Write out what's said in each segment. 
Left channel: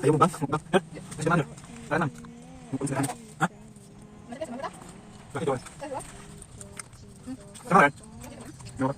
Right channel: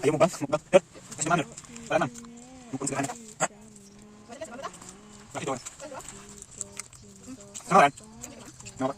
Ayo mukbang. Yuk, kasih makan yuk. Kanan. Mukbang sederhana. Hah? Kasih doang. Sama kan? Kenapa?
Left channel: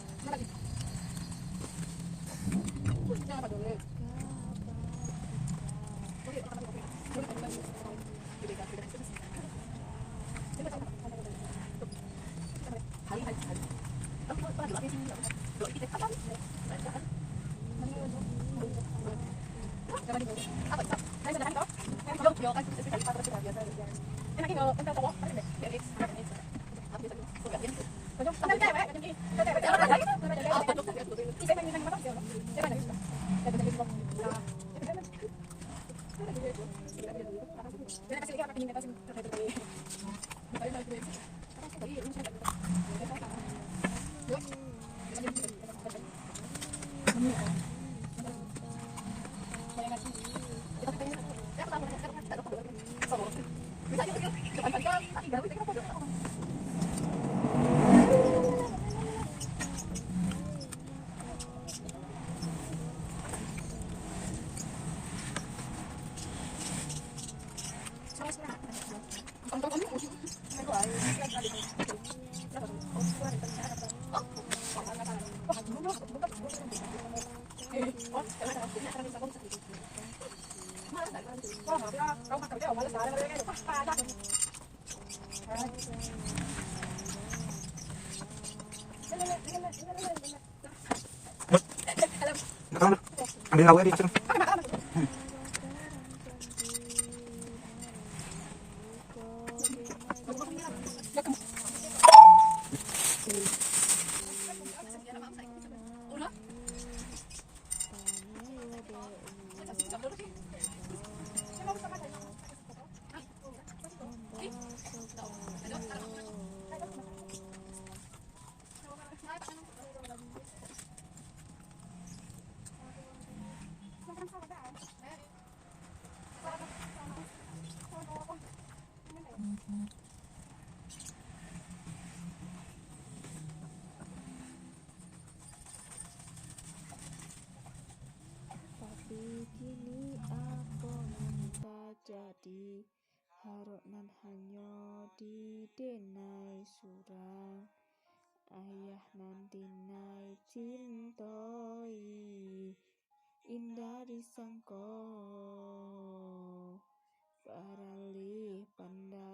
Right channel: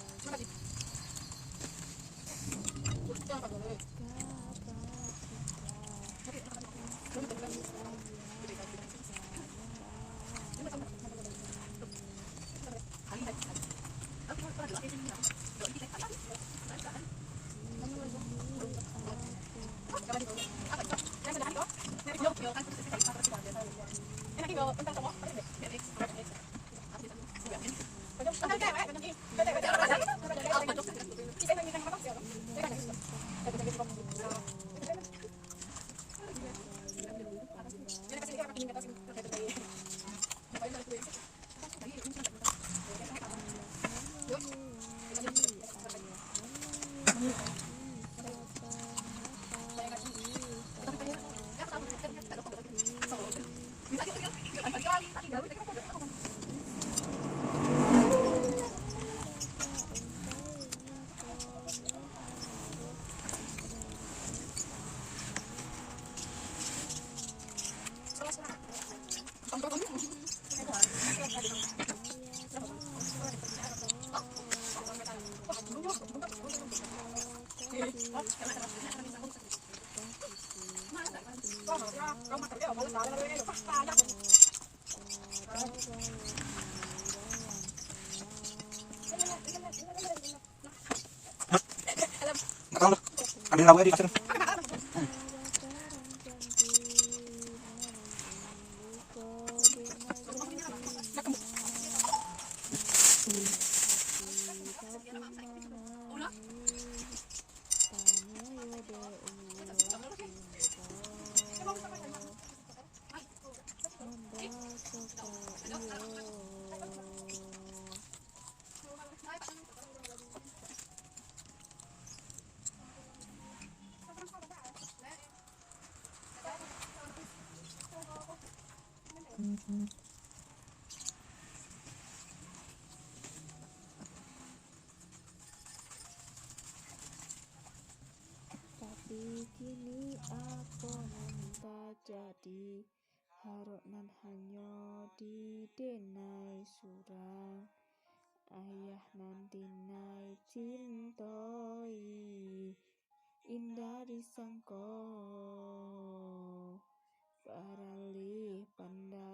Makan lu. Ambil lauknya di kasur. Tapi kini aku nanta jadi harok nan hanya di denai surang ayah nan dinai cintoi indah disangko baralih pandai